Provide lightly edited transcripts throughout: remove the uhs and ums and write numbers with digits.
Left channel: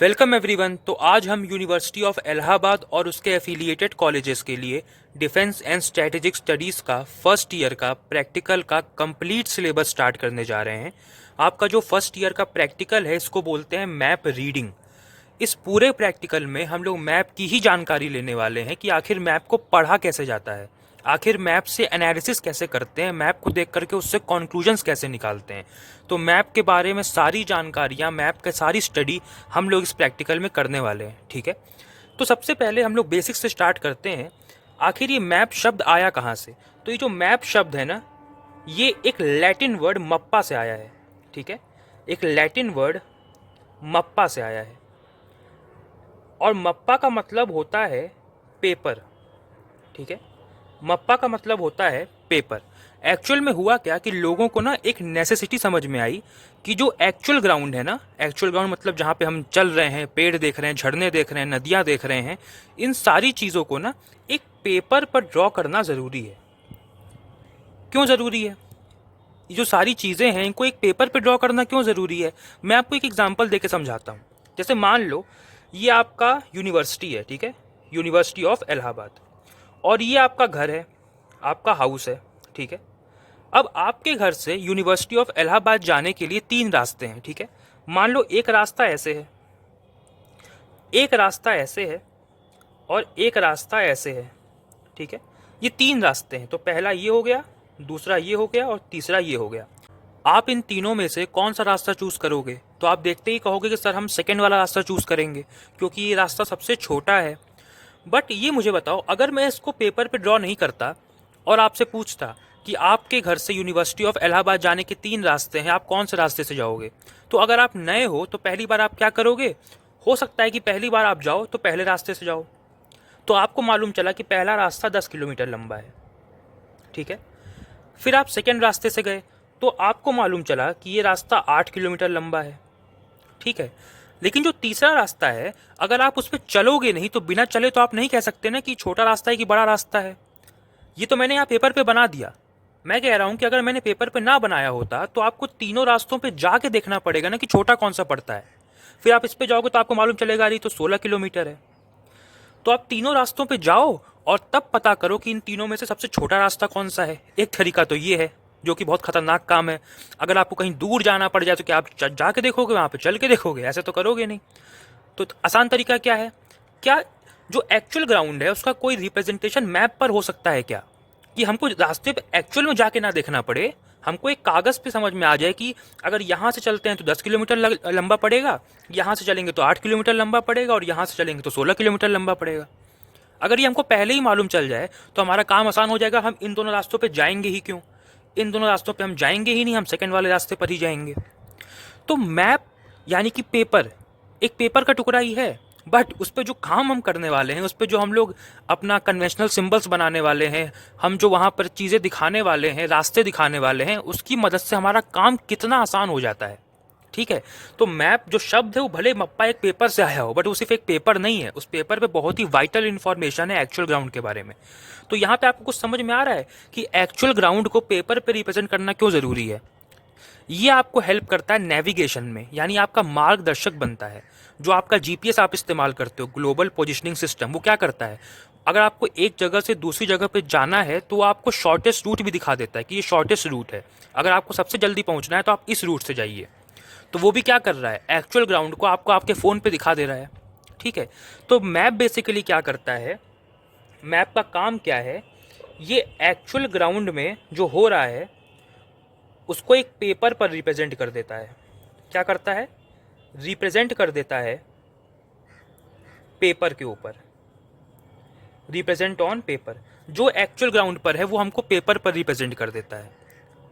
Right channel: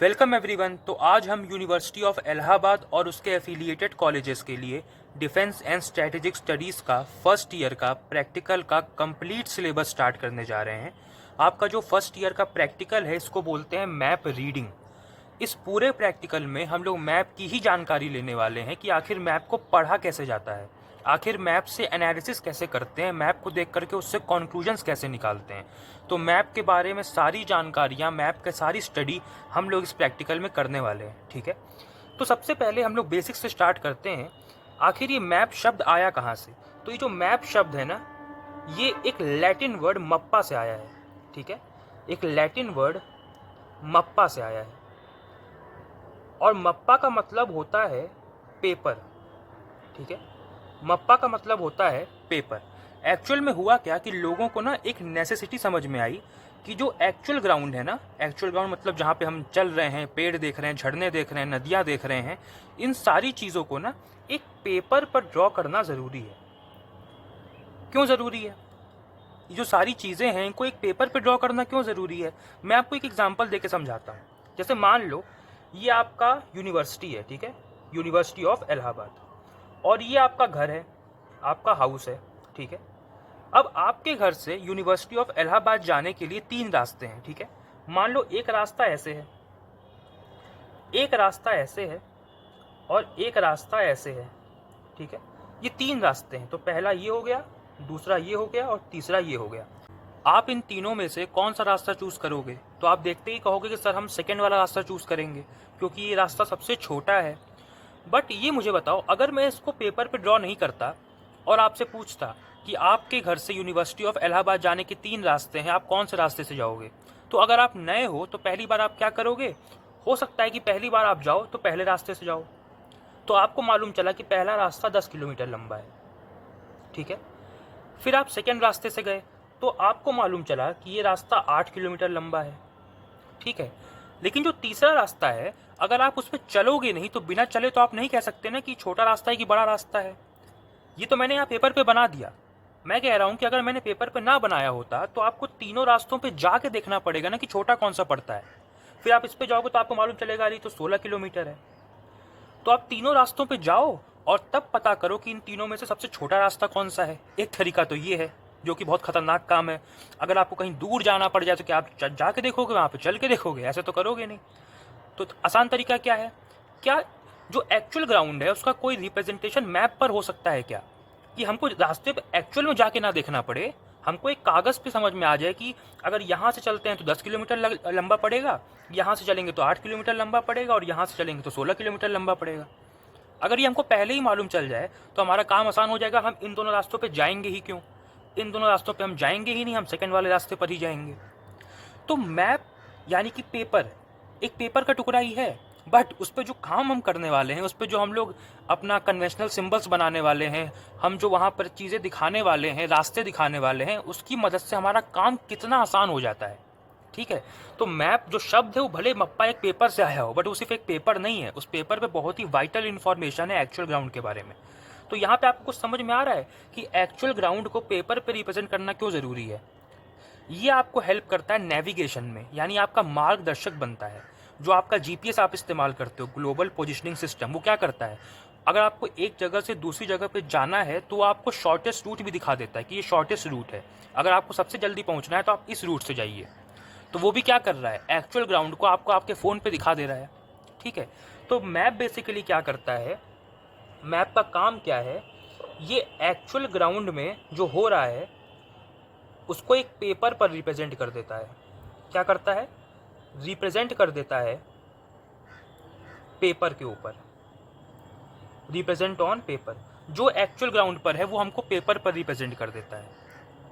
Welcome everyone. तो आज हम यूनिवर्सिटी ऑफ इलाहाबाद और उसके एफिलिएटेड कॉलेजेस के लिए डिफेंस एंड स्ट्रेटेजिक स्टडीज़ का फर्स्ट ईयर का प्रैक्टिकल का कंप्लीट सिलेबस स्टार्ट करने जा रहे हैं। आपका जो फर्स्ट ईयर का प्रैक्टिकल है इसको बोलते हैं मैप रीडिंग। इस पूरे प्रैक्टिकल में हम लोग मैप की ही जानकारी लेने वाले हैं कि आखिर मैप को पढ़ा कैसे जाता है, आखिर मैप से एनालिसिस कैसे करते हैं, मैप को देख करके उससे कॉन्क्लूजन्स कैसे निकालते हैं। तो मैप के बारे में सारी जानकारियाँ, मैप की सारी स्टडी हम लोग इस प्रैक्टिकल में करने वाले हैं। ठीक है, तो सबसे पहले हम लोग बेसिक से स्टार्ट करते हैं। आखिर ये मैप शब्द आया कहाँ से? तो ये जो मैप शब्द है ना, ये एक लैटिन वर्ड मप्पा से आया है। ठीक है, एक लैटिन वर्ड मप्पा से आया है और मप्पा का मतलब होता है पेपर। ठीक है, मप्पा का मतलब होता है पेपर। एक्चुअल में हुआ क्या कि लोगों को ना एक नेसेसिटी समझ में आई कि जो एक्चुअल ग्राउंड है ना, एक्चुअल ग्राउंड मतलब जहाँ पे हम चल रहे हैं, पेड़ देख रहे हैं, झरने देख रहे हैं, नदियाँ देख रहे हैं, इन सारी चीज़ों को ना एक पेपर पर ड्रॉ करना ज़रूरी है। क्यों ज़रूरी है? ये जो सारी चीज़ें हैं इनको एक पेपर पे ड्रॉ करना क्यों ज़रूरी है? मैं आपको एक एग्जांपल देके समझाता हूँ। जैसे मान लो ये आपका यूनिवर्सिटी है, ठीक है, यूनिवर्सिटी ऑफ इलाहाबाद, और ये आपका घर है, आपका हाउस है। ठीक है, अब आपके घर से यूनिवर्सिटी ऑफ इलाहाबाद जाने के लिए 3 रास्ते हैं। ठीक है, मान लो एक रास्ता ऐसे है, एक रास्ता ऐसे है और एक रास्ता ऐसे है। ठीक है, ये 3 रास्ते हैं। तो पहला ये हो गया, दूसरा ये हो गया और तीसरा ये हो गया। आप इन तीनों में से कौन सा रास्ता चूज़ करोगे? तो आप देखते ही कहोगे कि सर हम सेकेंड वाला रास्ता चूज़ करेंगे क्योंकि ये रास्ता सबसे छोटा है। बट ये मुझे बताओ, अगर मैं इसको पेपर पे ड्रॉ नहीं करता और आपसे पूछता कि आपके घर से यूनिवर्सिटी ऑफ इलाहाबाद जाने के 3 रास्ते हैं, आप कौन से रास्ते से जाओगे? तो अगर आप नए हो तो पहली बार आप क्या करोगे? हो सकता है कि पहली बार आप जाओ तो पहले रास्ते से जाओ, तो आपको मालूम चला कि पहला रास्ता 10 किलोमीटर लंबा है। ठीक है, फिर आप सेकेंड रास्ते से गए तो आपको मालूम चला कि ये रास्ता 8 किलोमीटर लंबा है। ठीक है, लेकिन जो तीसरा रास्ता है, अगर आप उस पर चलोगे नहीं तो बिना चले तो आप नहीं कह सकते ना कि छोटा रास्ता है कि बड़ा रास्ता है। ये तो मैंने यहाँ पेपर पे बना दिया। मैं कह रहा हूँ कि अगर मैंने पेपर पे ना बनाया होता तो आपको तीनों रास्तों पे जाके देखना पड़ेगा ना कि छोटा कौन सा पड़ता है। फिर आप इस पे जाओगे तो आपको मालूम चलेगा अरे तो 16 किलोमीटर है। तो आप तीनों रास्तों पे जाओ और तब पता करो कि इन तीनों में से सबसे छोटा रास्ता कौन सा है। एक तरीका तो ये है, जो कि बहुत खतरनाक काम है। अगर आपको कहीं दूर जाना पड़ जाए तो क्या आप जाके देखोगे, वहाँ पे चल के देखोगे? ऐसे तो करोगे नहीं। तो आसान तरीका क्या है? क्या जो एक्चुअल ग्राउंड है उसका कोई रिप्रेजेंटेशन मैप पर हो सकता है क्या, कि हमको रास्ते पे एक्चुअल में जाके ना देखना पड़े, हमको एक कागज़ पे समझ में आ जाए कि अगर यहाँ से चलते हैं तो 10 किलोमीटर लंबा पड़ेगा, यहाँ से चलेंगे तो 8 किलोमीटर लंबा पड़ेगा और यहाँ से चलेंगे तो 16 किलोमीटर लंबा पड़ेगा। अगर ये हमको पहले ही मालूम चल जाए तो हमारा काम आसान हो जाएगा। हम इन दोनों रास्तों पे जाएंगे ही क्यों? इन दोनों रास्तों पे हम जाएंगे ही नहीं, हम सेकंड वाले रास्ते पर ही जाएंगे। तो मैप यानी कि पेपर, एक पेपर का टुकड़ा ही है, बट उस पर जो काम हम करने वाले हैं, उस पर जो हम लोग अपना कन्वेंशनल सिंबल्स बनाने वाले हैं, हम जो वहाँ पर चीज़ें दिखाने वाले हैं, रास्ते दिखाने वाले हैं, उसकी मदद से हमारा काम कितना आसान हो जाता है। ठीक है, तो मैप जो शब्द है वो भले मप्पा एक पेपर से आया हो, बट वो सिर्फ एक पेपर नहीं है। उस पेपर पे बहुत ही वाइटल इन्फॉर्मेशन है एक्चुअल ग्राउंड के बारे में। तो यहाँ पे आपको कुछ समझ में आ रहा है कि एक्चुअल ग्राउंड को पेपर पे रिप्रेजेंट करना क्यों ज़रूरी है। ये आपको हेल्प करता है नेविगेशन में, यानी आपका मार्गदर्शक बनता है। जो आपका जीपीएस आप इस्तेमाल करते हो, ग्लोबल पोजिशनिंग सिस्टम, वो क्या करता है? अगर आपको एक जगह से दूसरी जगह पे जाना है तो वो आपको शॉर्टेस्ट रूट भी दिखा देता है कि ये शॉर्टेस्ट रूट है। अगर आपको सबसे जल्दी पहुंचना है तो आप इस रूट से जाइए। तो वो भी क्या कर रहा है? एक्चुअल ग्राउंड को आपको आपके फ़ोन पे दिखा दे रहा है। ठीक है, तो मैप बेसिकली क्या करता है, मैप का काम क्या है? ये एक्चुअल ग्राउंड में जो हो रहा है उसको एक पेपर पर रिप्रेजेंट कर देता है। क्या करता है? रिप्रेजेंट कर देता है पेपर के ऊपर, रिप्रेजेंट ऑन पेपर। जो एक्चुअल ग्राउंड पर है वो हमको पेपर पर रिप्रेजेंट कर देता है।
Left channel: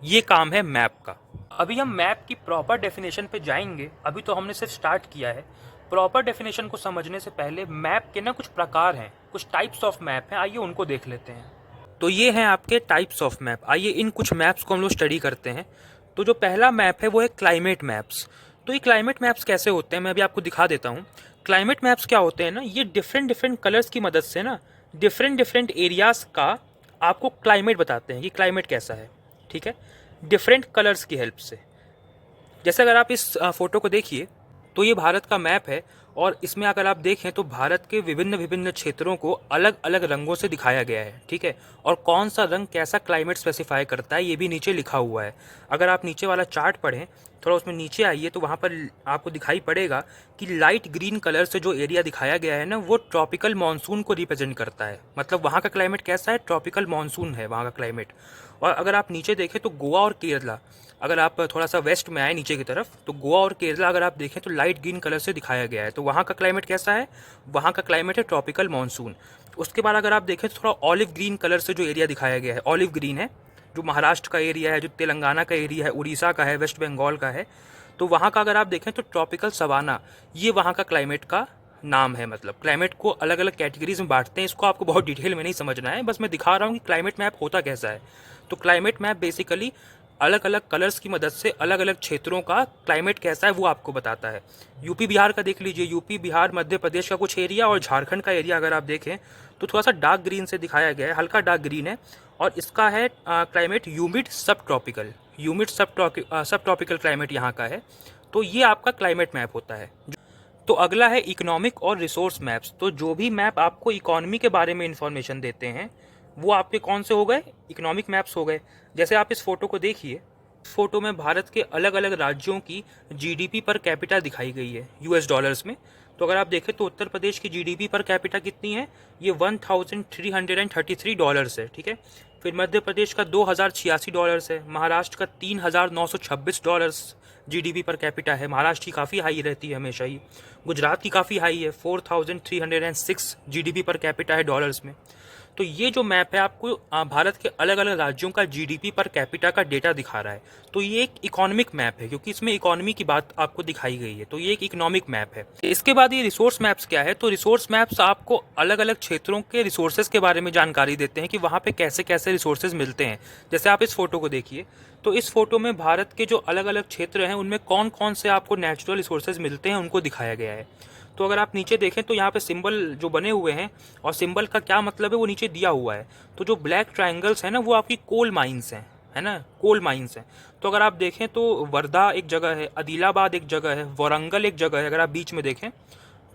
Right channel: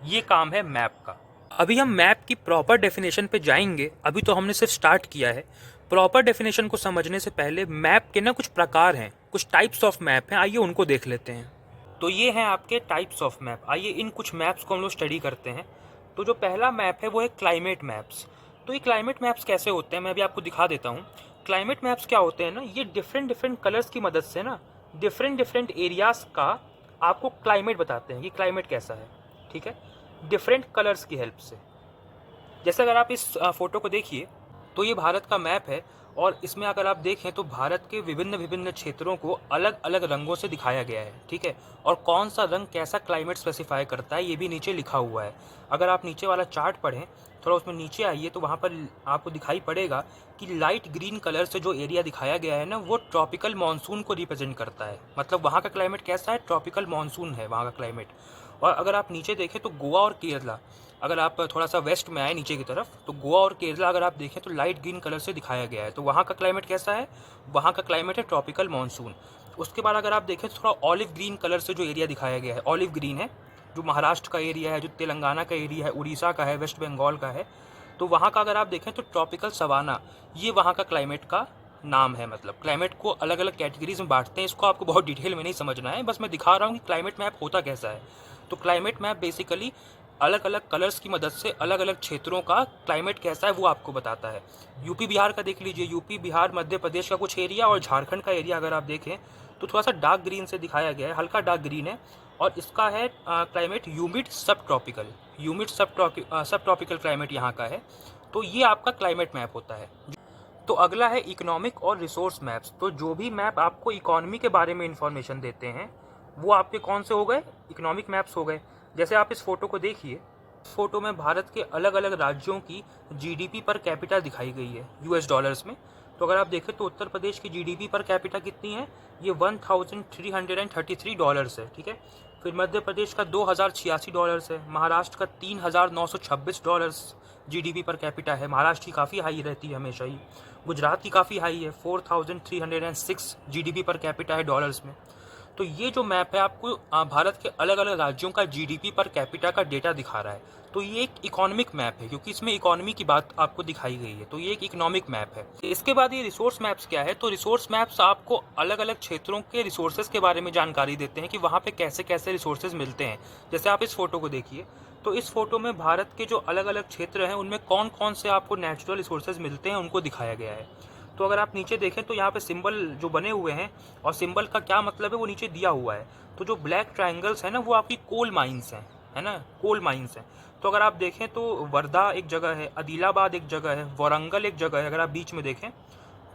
ये काम है मैप का। अभी हम मैप की प्रॉपर डेफिनेशन पे जाएंगे, अभी तो हमने सिर्फ स्टार्ट किया है। प्रॉपर डेफिनेशन को समझने से पहले मैप के ना कुछ प्रकार हैं, कुछ टाइप्स ऑफ मैप हैं, आइए उनको देख लेते हैं। तो ये हैं आपके टाइप्स ऑफ मैप। आइए इन कुछ मैप्स को हम लोग स्टडी करते हैं। तो जो पहला मैप है वो है क्लाइमेट मैप्स। तो ये क्लाइमेट मैप्स कैसे होते हैं मैं अभी आपको दिखा देता हूँ। क्लाइमेट मैप्स क्या होते हैं ना, ये डिफरेंट डिफरेंट कलर्स की मदद से ना डिफरेंट डिफरेंट एरियाज़ का आपको क्लाइमेट बताते हैं कि क्लाइमेट कैसा है। ठीक है, डिफरेंट कलर्स की हेल्प से। जैसे अगर आप इस फ़ोटो को देखिए तो ये भारत का मैप है और इसमें अगर आप देखें तो भारत के विभिन्न विभिन्न क्षेत्रों को अलग अलग रंगों से दिखाया गया है, ठीक है। और कौन सा रंग कैसा क्लाइमेट स्पेसिफाई करता है ये भी नीचे लिखा हुआ है। अगर आप नीचे वाला चार्ट पढ़ें, थोड़ा उसमें नीचे आइए, तो वहाँ पर आपको दिखाई पड़ेगा कि लाइट ग्रीन कलर से जो एरिया दिखाया गया है ना, वो ट्रॉपिकल मानसून को रिप्रेजेंट करता है। मतलब वहाँ का क्लाइमेट कैसा है, ट्रॉपिकल मानसून है वहाँ का क्लाइमेट। और अगर आप नीचे देखें तो गोवा और केरला, अगर आप थोड़ा सा वेस्ट में आए नीचे की तरफ, तो गोवा और केरला अगर आप देखें तो लाइट ग्रीन कलर से दिखाया गया है। तो वहाँ का क्लाइमेट कैसा है, वहाँ का क्लाइमेट है ट्रॉपिकल मानसून। उसके बाद अगर आप देखें तो थोड़ा ऑलिव ग्रीन कलर से जो एरिया दिखाया गया है, ऑलिव ग्रीन है, जो महाराष्ट्र का एरिया है, जो तेलंगाना का एरिया है, उड़ीसा का है, वेस्ट बंगाल का है, तो वहाँ का अगर आप देखें तो ट्रॉपिकल सवाना, ये वहाँ का क्लाइमेट का नाम है। मतलब क्लाइमेट को अलग अलग कैटेगरीज में बांटते हैं। इसको आपको बहुत डिटेल में नहीं समझना है, बस मैं दिखा रहा हूँ कि क्लाइमेट मैप होता कैसा है। तो क्लाइमेट मैप बेसिकली अलग अलग कलर्स की मदद से अलग अलग क्षेत्रों का क्लाइमेट कैसा है वो आपको बताता है। यूपी बिहार का देख लीजिए, यूपी बिहार मध्य प्रदेश का कुछ एरिया और झारखंड का एरिया अगर आप देखें तो थोड़ा सा डार्क ग्रीन से दिखाया गया है, हल्का डार्क ग्रीन है। और इसका है क्लाइमेट ह्यूमिड सब ट्रॉपिकल, ह्यूमिड सब ट्रॉपिकल क्लाइमेट यहाँ का है। तो ये आपका क्लाइमेट मैप होता है। तो अगला है इकोनॉमिक और रिसोर्स मैप्स। तो जो भी मैप आपको इकोनॉमी के बारे में इंफॉर्मेशन देते हैं वो आपके कौन से हो गए, इकोनॉमिक मैप्स हो गए। जैसे आप इस फोटो को देखिए, फोटो में भारत के अलग अलग राज्यों की जीडीपी पर कैपिटा दिखाई गई है यूएस डॉलर्स में। तो अगर आप देखें तो उत्तर प्रदेश की जीडीपी पर कैपिटा कितनी है, ये 1333 डॉलर्स है, ठीक है। फिर मध्य प्रदेश का 2086 डॉलर्स है, महाराष्ट्र का 3926 डॉलर्स जीडीपी पर कैपिटा है। महाराष्ट्र की काफ़ी हाई रहती है हमेशा ही। गुजरात की काफ़ी हाई है, 4306 जीडीपी पर कैपिटा है डॉलर्स में। तो ये जो मैप है आपको भारत के अलग अलग राज्यों का जीडीपी पर कैपिटा का डेटा दिखा रहा है। तो ये एक इकोनॉमिक मैप है क्योंकि इसमें इकोनॉमी की बात आपको दिखाई गई है। तो ये एक इकोनॉमिक मैप है। इसके बाद ये रिसोर्स मैप्स क्या है, तो रिसोर्स मैप्स आपको अलग अलग क्षेत्रों के रिसोर्सेज के बारे में जानकारी देते हैं कि वहाँ पे कैसे कैसे रिसोर्सेज मिलते हैं। जैसे आप इस फोटो को देखिए, तो इस फोटो में भारत के जो अलग अलग क्षेत्र हैं उनमें कौन कौन से आपको नेचुरल रिसोर्सेज मिलते हैं उनको दिखाया गया है। तो अगर आप नीचे देखें तो यहाँ पे सिंबल जो बने हुए हैं और सिंबल का क्या मतलब है वो नीचे दिया हुआ है। तो जो ब्लैक ट्रायंगल्स है ना वो आपकी कोल माइंस हैं, है ना, कोल माइंस हैं। तो अगर आप देखें तो वर्धा एक जगह है, आदिलाबाद एक जगह है, वारंगल एक जगह है। अगर आप बीच में देखें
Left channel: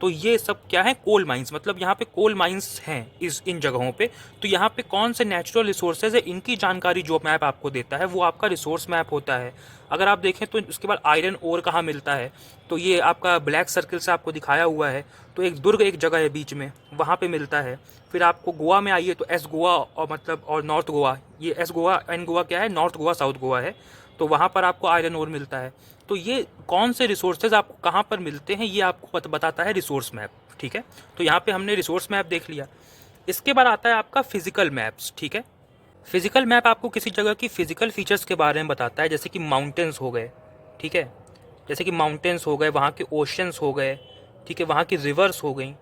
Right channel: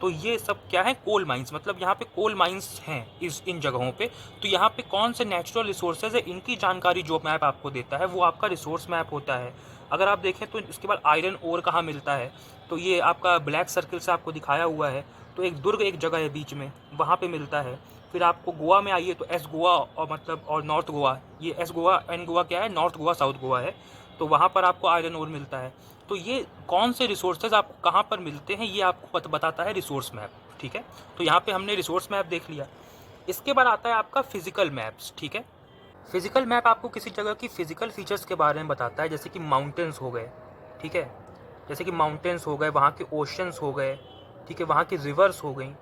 तो ये सब क्या है, कोल माइंस। मतलब यहाँ पे कोल माइंस हैं इन जगहों पे। तो यहाँ पे कौन से नेचुरल रिसोर्सेज है इनकी जानकारी जो मैप आपको देता है वो आपका रिसोर्स मैप होता है। अगर आप देखें तो उसके बाद आयरन ओर कहाँ मिलता है, तो ये आपका ब्लैक सर्कल से आपको दिखाया हुआ है। तो एक दुर्ग एक जगह है बीच में, वहाँ पे मिलता है। फिर आपको गोवा में आइए तो एस गोवा और मतलब और नॉर्थ गोवा, ये एस गोवा एन गोवा क्या है, नॉर्थ गोवा साउथ गोवा है। तो वहाँ पर आपको आयरन ओर मिलता है। तो ये कौन से रिसोर्सेज आपको कहाँ पर मिलते हैं ये आपको बताता है रिसोर्स मैप, ठीक है। तो यहाँ पे हमने रिसोर्स मैप देख लिया। इसके बाद आता है आपका फिजिकल मैप्स, ठीक है। फिजिकल मैप आपको किसी जगह की फिजिकल फीचर्स के बारे में बताता है, जैसे कि माउंटेन्स हो गए, ठीक है, जैसे कि माउंटेन्स हो गए, वहाँ के ओशंस हो गए, ठीक है, वहाँ की रिवर्स हो गई।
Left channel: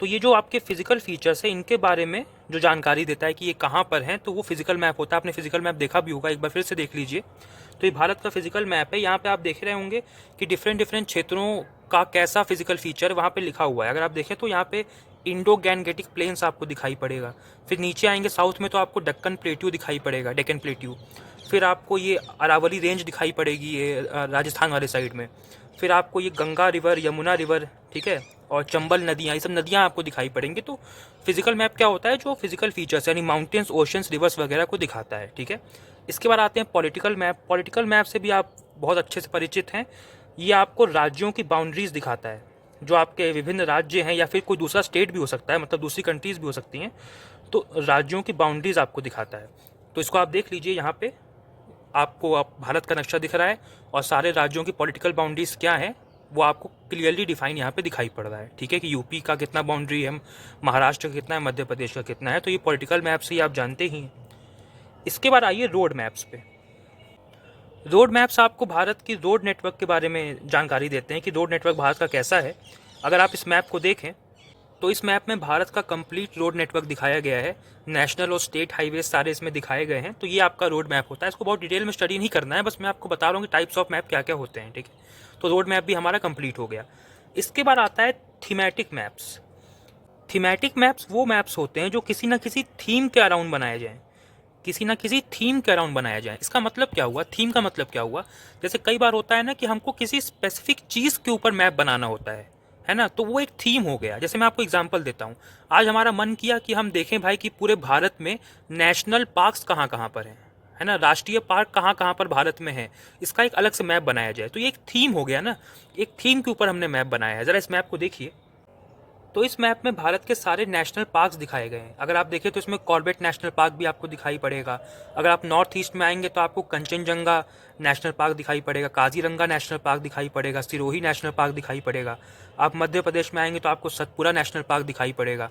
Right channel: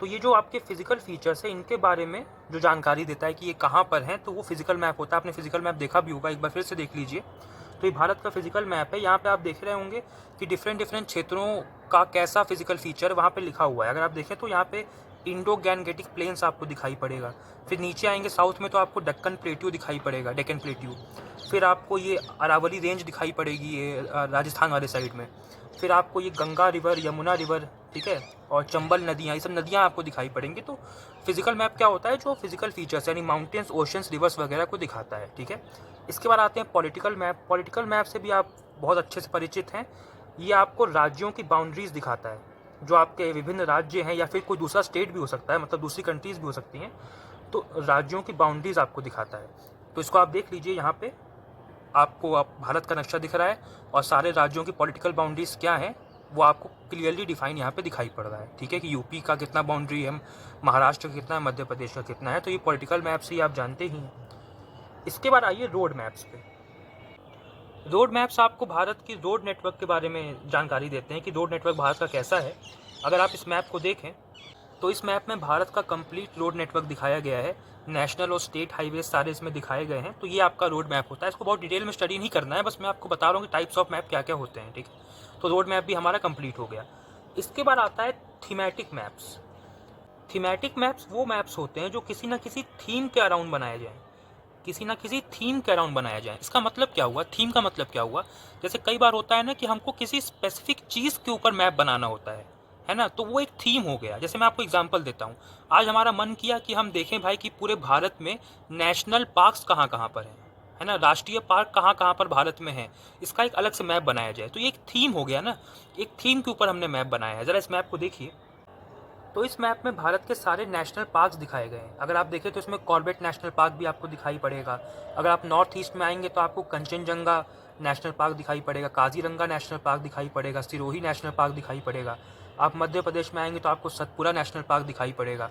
तो ये जो आपके फिजिकल फीचर्स है इनके बारे में जो जानकारी देता है कि ये कहाँ पर हैं, तो वो फिजिकल मैप होता है। आपने फिजिकल मैप देखा भी होगा, एक बार फिर से देख लीजिए। तो ये भारत का फिजिकल मैप है। यहाँ पे आप देख रहे होंगे कि डिफरेंट डिफरेंट क्षेत्रों का कैसा फिजिकल फीचर वहाँ पे लिखा हुआ है। अगर आप देखें तो यहाँ पे इंडो गैंगेटिक प्लेन्स आपको दिखाई पड़ेगा। फिर नीचे आएंगे साउथ में तो आपको दक्कन प्लेट्यू दिखाई पड़ेगा, डेक्कन प्लेट्यू। फिर आपको ये अरावली रेंज दिखाई पड़ेगी, ये राजस्थान वाले साइड में। फिर आपको ये गंगा रिवर, यमुना रिवर, ठीक है, और चंबल नदियाँ, ये सब नदियाँ आपको दिखाई पड़ेंगी। तो फिजिकल मैप क्या होता है, जो फिजिकल फीचर्स यानी माउंटेन्स, ओशंस, रिवर्स वगैरह को दिखाता है, ठीक है। इसके बाद आते हैं पॉलिटिकल मैप। पॉलिटिकल मैप से भी आप बहुत अच्छे से परिचित हैं। ये आपको राज्यों की बाउंड्रीज दिखाता है, जो आपके विभिन्न राज्य हैं या फिर कोई दूसरा स्टेट भी हो सकता है, मतलब दूसरी कंट्रीज भी हो सकती हैं। तो राज्यों की बाउंड्रीज आपको दिखाता है। तो इसको आप देख लीजिए, यहाँ पे आपको भारत का नक्शा दिख रहा है और सारे राज्यों की पॉलिटिकल बाउंड्रीज क्या है वो आपको क्लियरली डिफाइन यहाँ पे दिखाई पड़ रहा है, ठीक है, कि यूपी का कितना बाउंड्री है, महाराष्ट्र का कितना है, मध्य प्रदेश का कितना है। तो ये पॉलिटिकल मैप से ही आप जानते ही हैं। इसके बाद आइए रोड मैप्स पे। रोड मैप्स आपको भारत की रोड नेटवर्क के बारे में जानकारी देते हैं कि रोड नेटवर्क भारत का कैसा है। अगर आप इस मैप को देखें तो इस मैप में भारत का कंप्लीट रोड नेटवर्क दिखाया गया है। नेशनल और स्टेट हाईवे सारे इसमें दिखाए गए हैं। तो ये आपका रोड मैप होता है। इसको बहुत डिटेल में स्टडी नहीं करना है, बस मैं आपको बता रहा हूँ कि टाइप्स ऑफ मैप क्या क्या होते हैं, ठीक है। तो रोड मैप भी हमारा कंप्लीट हो गया। इसके बाद आता है थीमेटिक मैप्स। थीमेटिक मैप्स वो मैप्स होते हैं जो किसी न किसी थीम के अराउंड बनाए जाएँ, किसी ना किसी थीम के अराउंड बनाया जाए। इसका मतलब क्या हुआ, थीम का मतलब क्या हुआ, जैसे कई बार होता है ना कि हमको किसी स्पेसिफिक चीज़ के ऊपर मैप बनाना होता है, है ना। तो वो एक थीम हो गया। जैसे मैं आपको एग्जांपल देता हूँ, आज हमारा मन किया कि हम देखें भाई कि पूरे भारत में नेशनल पार्क्स कहाँ कहाँ पर हैं, है ना, राष्ट्रीय पार्क कहाँ कहाँ पर भारत में है, इसका एक अलग से मैप बनाया जाए। तो ये एक थीम हो गया ना, एक थीम के ऊपर हमने मैप बनाया है। ज़रा इस मैप को देखिए। तो इस मैप में भारत के सारे नेशनल पार्क्स दिखाए गए हैं। अगर आप देखें तो इसमें कॉर्बेट नेशनल पार्क भी आपको दिखाई पड़ेगा। अगर आप नॉर्थ ईस्ट में आएंगे तो आपको कंचनजंगा नेशनल पार्क दिखाई पड़ेगा, काजीरंगा नेशनल पार्क दिखाई पड़ेगा, सिरोही नेशनल पार्क दिखाई पड़ेगा। आप मध्य प्रदेश में आएंगे तो आपको सतपुरा नेशनल पार्क दिखाई पड़ेगा।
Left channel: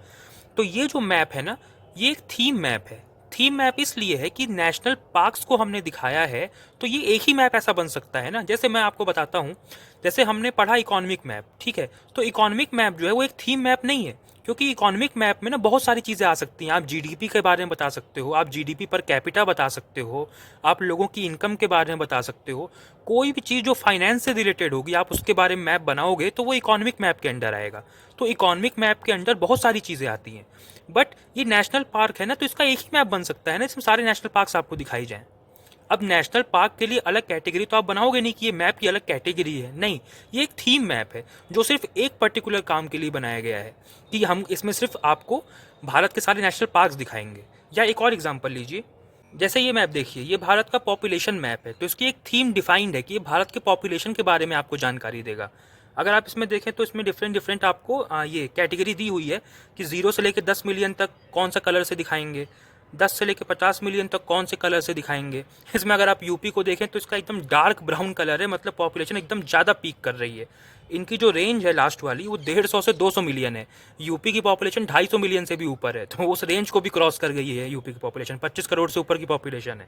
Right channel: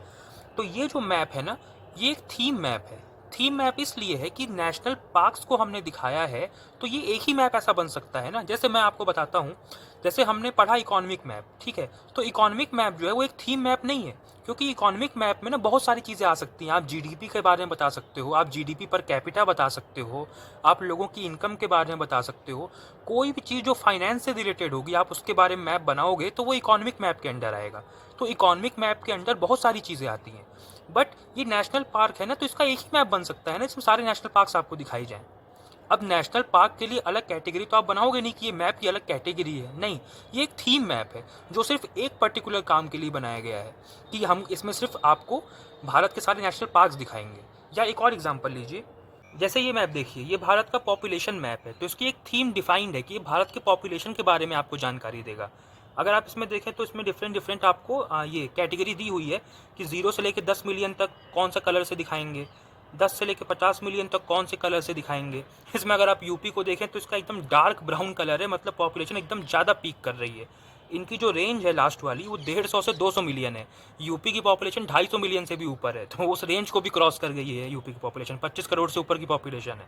तो ये जो मैप है ना, ये एक थीम मैप है। थीम मैप इसलिए है कि नेशनल पार्क्स को हमने दिखाया है, तो ये एक ही मैप ऐसा बन सकता है ना। जैसे मैं आपको बताता हूँ, जैसे हमने पढ़ा इकोनॉमिक मैप, ठीक है, तो इकोनॉमिक मैप जो है वो एक थीम मैप नहीं है, क्योंकि इकोनॉमिक मैप में ना बहुत सारी चीज़ें आ सकती हैं। आप जीडीपी के बारे में बता सकते हो, आप जीडीपी पर कैपिटा बता सकते हो, आप लोगों की इनकम के बारे में बता सकते हो। कोई भी चीज़ जो फाइनेंस से रिलेटेड होगी आप उसके बारे में मैप बनाओगे तो वो इकोनॉमिक मैप के अंडर आएगा। तो इकोनॉमिक मैप के अंडर बहुत सारी चीज़ें आती हैं। बट ये नेशनल पार्क है ना, तो इसका एक ही मैप बन सकता है ना, इसमें सारे नेशनल पार्क्स आपको दिखाई जाएं। अब नेशनल पार्क के लिए अलग कैटेगरी तो आप बनाओगे नहीं कि ये मैप की अलग कैटेगरी है, नहीं, ये एक थीम मैप है जो सिर्फ एक पर्टिकुलर काम के लिए बनाया गया है कि हम इसमें सिर्फ आपको भारत के सारे नेशनल पार्क्स दिखाएंगे। या एक और एग्जांपल लीजिए, जैसे ये मैप देखिए, ये भारत का पॉपुलेशन मैप है, तो इसकी एक थीम डिफाइंड है कि ये भारत के पॉपुलेशन के बारे में आपको जानकारी देगा। अगर आप इसमें देखें तो इसमें डिफरेंट डिफरेंट आपको ये कैटेगरी दी हुई है कि 0 से लेकर 10 मिलियन तक कौन सा कलर से दिखाएंगे, 10 से लेकर 50 मिलियन तक कौन से कलर से दिखाएंगे। इसमें अगर आप यूपी को देखें तो इसका एकदम डार्क ब्राउन कलर है, मतलब पॉपुलेशन एकदम ज़्यादा पीक कर रही है। इनकी जो रेंज है लास्ट वाली वो 150 से 200 मिलियन है। यूपी की पॉपुलेशन 250 मिलियन से भी ऊपर है, तो उस रेंज को भी क्रॉस कर गई है। यूपी की पॉपुलेशन 25 करोड़ से ऊपर की पॉपुलेशन है।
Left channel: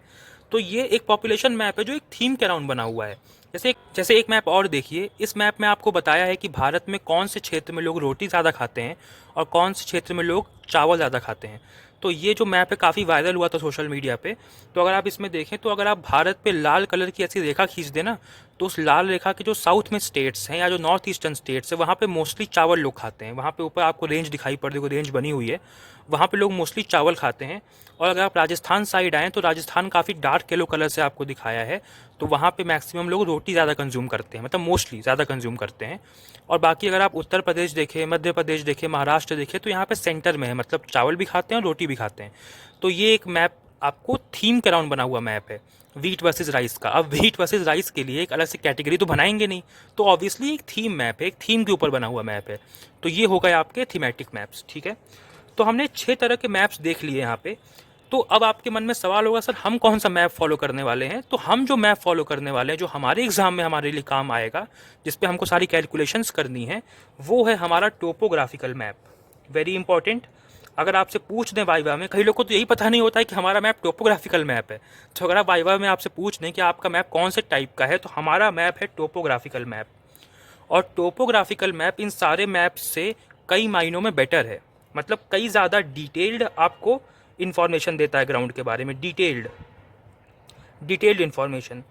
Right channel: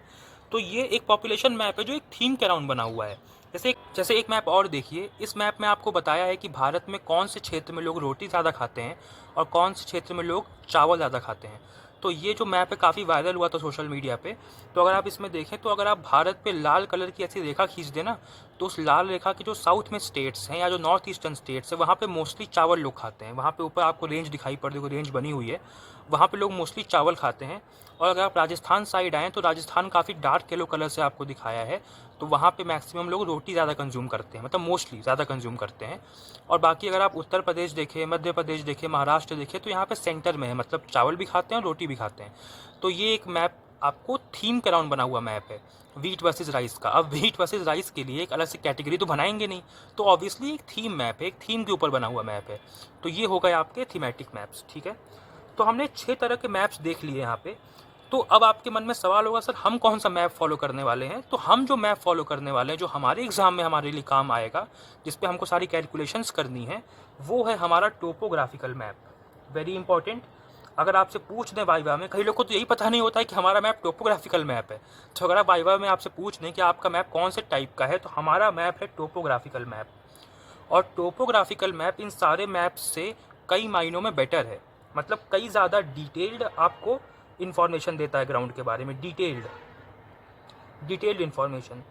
तो ये एक पॉपुलेशन मैप है जो एक थीम के अराउंड बना हुआ है। जैसे एक मैप और देखिए, इस मैप में आपको बताया है कि भारत में कौन से क्षेत्र में लोग रोटी ज़्यादा खाते हैं और कौन से क्षेत्र में लोग चावल ज़्यादा खाते हैं। तो ये जो मैप है काफ़ी वायरल हुआ था सोशल मीडिया पे। तो अगर आप इसमें देखें तो अगर आप भारत पे लाल कलर की ऐसी रेखा खींच देना, तो उस लाल रेखा के जो साउथ में स्टेट्स हैं या जो नॉर्थ ईस्टर्न स्टेट्स है वहाँ पे मोस्टली चावल लोग खाते हैं। वहाँ पे ऊपर आपको रेंज दिखाई पड़ रही है, रेंज बनी हुई है, वहाँ पे लोग मोस्टली चावल खाते हैं। और अगर आप राजस्थान साइड आएँ तो राजस्थान काफ़ी डार्क येलो कलर से आपको दिखाया है, तो वहाँ पे मैक्सिमम लोग रोटी ज़्यादा कंज्यूम करते हैं, मतलब मोस्टली ज़्यादा कंज्यूम करते हैं। और बाकी अगर आप उत्तर प्रदेश देखें, मध्य प्रदेश देखें, महाराष्ट्र देखें, तो यहाँ पे सेंटर में है, मतलब चावल भी खाते हैं और रोटी भी खाते हैं। तो ये एक मैप आपको थीम के अराउंड बना हुआ मैप है, वीट वर्सेस राइस का। अब वीट वर्सेस राइस के लिए एक अलग से कैटेगरी तो बनाएंगे नहीं, तो ऑब्वियसली एक थीम मैप है, एक थीम के ऊपर बना हुआ मैप है। तो ये हो गए आपके थीमेटिक मैप्स, ठीक है। तो हमने 6 तरह के मैप्स देख लिए यहाँ पे। तो अब आपके मन में सवाल होगा, सर हम कौन सा मैप फॉलो करने वाले हैं। तो हम जो मैप फॉलो करने वाले हैं, जो हमारे एग्जाम में हमारे लिए काम आएगा, जिस पे हमको सारी कैलकुलेशंस करनी है, वो है हमारा टोपोग्राफिकल मैप। Very important. अगर आपसे पूछ दें वाइवा में, कई लोगों को तो यही पता नहीं होता है कि हमारा मैप टोपोग्राफिकल मैप है। तो अगर आप वाइवा में आपसे पूछ दें कि आपका मैप कौन से टाइप का है, तो हमारा मैप है टोपोग्राफिकल मैप। और टोपोग्राफिकल मैप इन सारे मैप से कई मायनों में बेटर है, मतलब कई ज़्यादा डिटेल्ड आपको इन्फॉर्मेशन देता है ग्राउंड के बारे में, डिटेल्ड इन्फॉर्मेशन।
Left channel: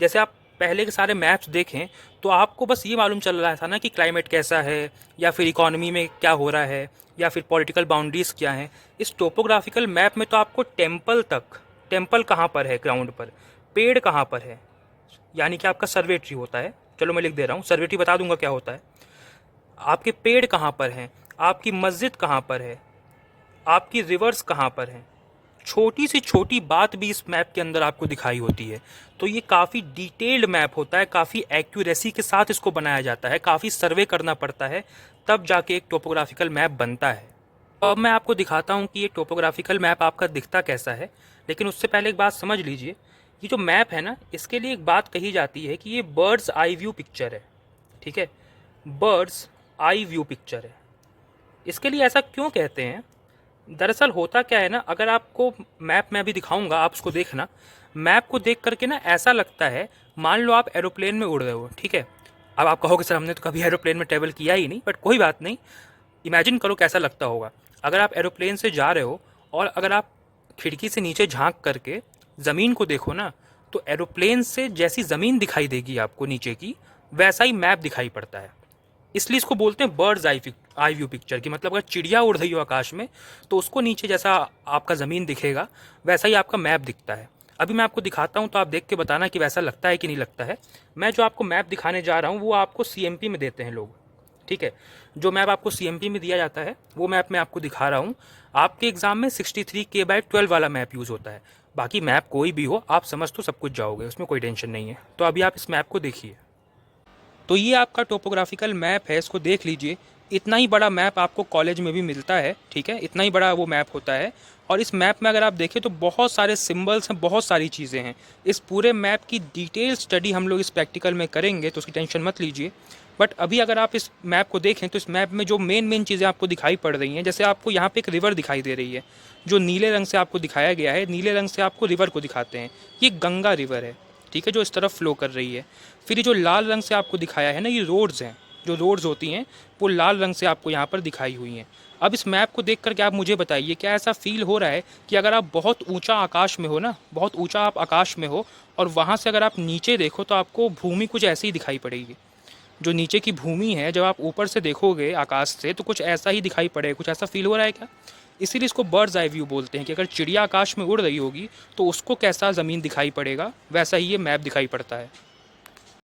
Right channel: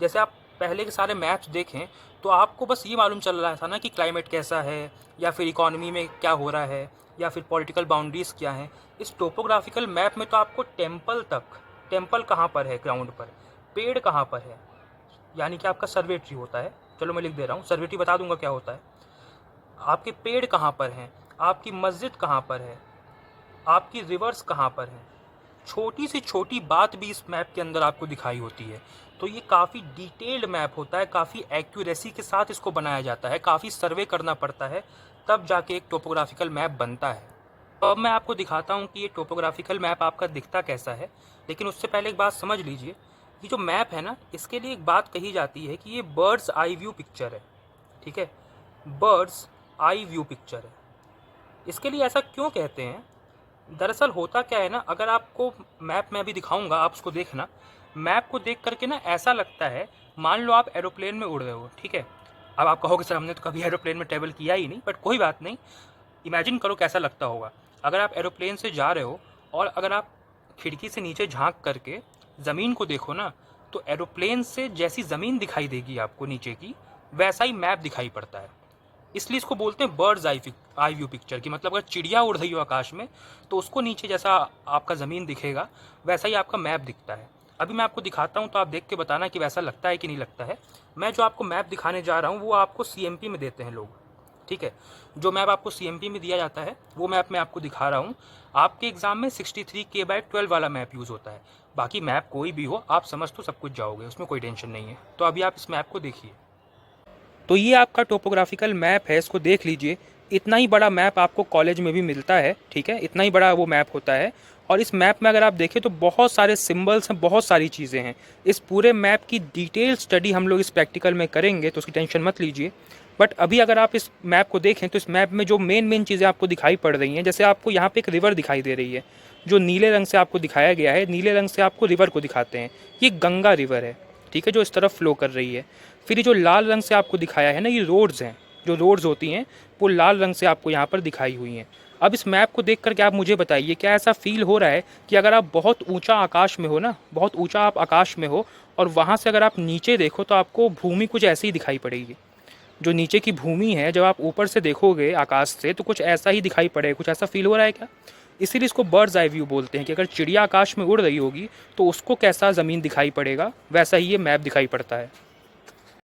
जैसे आप पहले के सारे मैप्स देखें तो आपको बस ये मालूम चल रहा था ना कि क्लाइमेट कैसा है, या फिर इकोनॉमी में क्या हो रहा है, या फिर पॉलिटिकल बाउंड्रीज क्या हैं। इस टोपोग्राफिकल मैप में तो आपको टेम्पल कहाँ पर है ग्राउंड पर, पेड़ कहाँ पर है, यानी कि आपका सर्वे ट्री होता है। चलो मैं लिख दे रहा हूँ, सर्वे ट्री बता दूंगा क्या होता है। आपके पेड़ कहाँ पर हैं, आपकी मस्जिद कहाँ पर है, आपकी रिवर्स कहाँ पर हैं, छोटी से छोटी बात भी इस मैप के अंदर आपको दिखाई होती है। तो ये काफ़ी डिटेल्ड मैप होता है, काफ़ी एक्यूरेसी के साथ इसको बनाया जाता है, काफ़ी सर्वे करना पड़ता है, तब जाके एक टोपोग्राफिकल मैप बनता है। अब मैं आपको दिखाता हूँ कि ये टोपोग्राफिकल मैप आपका दिखता कैसा है। लेकिन उससे पहले एक बात समझ लीजिए, ये जो मैप है ना, इसके लिए एक बात कही जाती है कि ये बर्ड्स आई व्यू पिक्चर है, ठीक है, बर्ड्स आई व्यू पिक्चर है। इसके लिए ऐसा क्यों कहते हैं? दरअसल होता क्या है ना, अगर आपको मैप मैं अभी दिखाऊंगा, आप उसको देखना। मैप को देख करके ना ऐसा लगता है, मान लो आप एरोप्लेन में उड़ रहे हो, ठीक है। अब आप कहोगे सर हमने तो कभी एरोप्लेन में ट्रैवल किया ही नहीं, बट कोई बात नहीं, इमेजिन करो कैसा लगता होगा। अगर आप एरोप्लेन से जा रहे हो और अगर आप खिड़की से नीचे झांक करके ज़मीन को देखो ना, तो एरोप्लेन से जैसी ज़मीन दिखाई देगी आपको नीचे की, वैसा ही मैप दिखाई पड़ता है। इसलिए इसको बोलते हैं बर्ड्स आई व्यू पिक्चर की। मतलब अगर चिड़िया उड़ रही हो आकाश में, तो उसको नीचे जैसा आपका ज़मीन दिखेगा, वैसा ही आपका मैप दिखता है। अभी मैं आपको दिखाता हूँ, तो आप देख के बताना कि वैसा लगता है कि नहीं लगता है। मैं जो आपको मैप दिखाने जा रहा हूँ वो आपको CMP में देते हैं लोग, ठीक है। जो मैप आपको CMP में दिया जाता है वो मैप मैं आपको दिखा रहा हूँ। आपके एग्जाम में 63K/12 वाला मैप यूज़ होता है। बाकी मैप कोई भी हो आप समझ तो सब कुछ जाओगे, उसमें कोई टेंशन नहीं है। तो अभी आप इस मैप को देखिए। तो ये आपका टोपोग्राफिकल मैप है, इसको देख लीजिए। इतना ही बड़ा मैप आपको कॉलेज में भी मिलता है, ठीक है, इतना ही बड़ा वो मैप होता है। और इस मैप में अगर आप देखें तो बहुत सारे सिंबल्स हैं, बहुत सारी चीज़ें हैं। इस पूरे मैप की डिटेल स्टडी हम लोग इस प्रैक्टिकल में करेंगे, तो उसकी टेंशन मत लीजिए। बट अभी अगर आप इस मैप को देखें तो इस मैप में जो मेन चीज़ें आपको दिखाई पड़ रही हैं, जैसे आपको यहाँ पे एक रिवर दिखाई दे रही है, जो नीले रंग से आपको दिखाया गया है, नीले रंग से आपको रिवर को दिखाते हैं। ये गंगा रिवर है, ठीक है, जो इस तरफ फ्लो कर रही है। फिर ये जो लाल रंग से आपको दिखाया है ना, ये रोड्स हैं, जो रोड्स होती हैं वो लाल रंग से आपको यहाँ पर दिखाई हुई हैं। अब इस मैप को देख करके आप मुझे बताइए, क्या ऐसा फील हो रहा है कि अगर आप बहुत ऊंचा आकाश में हो ना, बहुत ऊंचा आप आकाश में हो और वहाँ से अगर आप नीचे देखो तो आपको भूमि कुछ ऐसी ही दिखाई पड़ेगी। जो नीचे की भूमि है, जब आप ऊपर से देखोगे आकाश से तो कुछ ऐसा ही दिखाई पड़ेगा। कुछ ऐसा फील हो रहा है क्या? इसीलिए इसको बर्ड्स आई व्यू बोलते हैं कि अगर चिड़िया आकाश में उड़ रही होगी तो उसको कैसा ज़मीन दिखाई पड़ेगा, वैसा ही ये मैप दिखाई पड़ता है।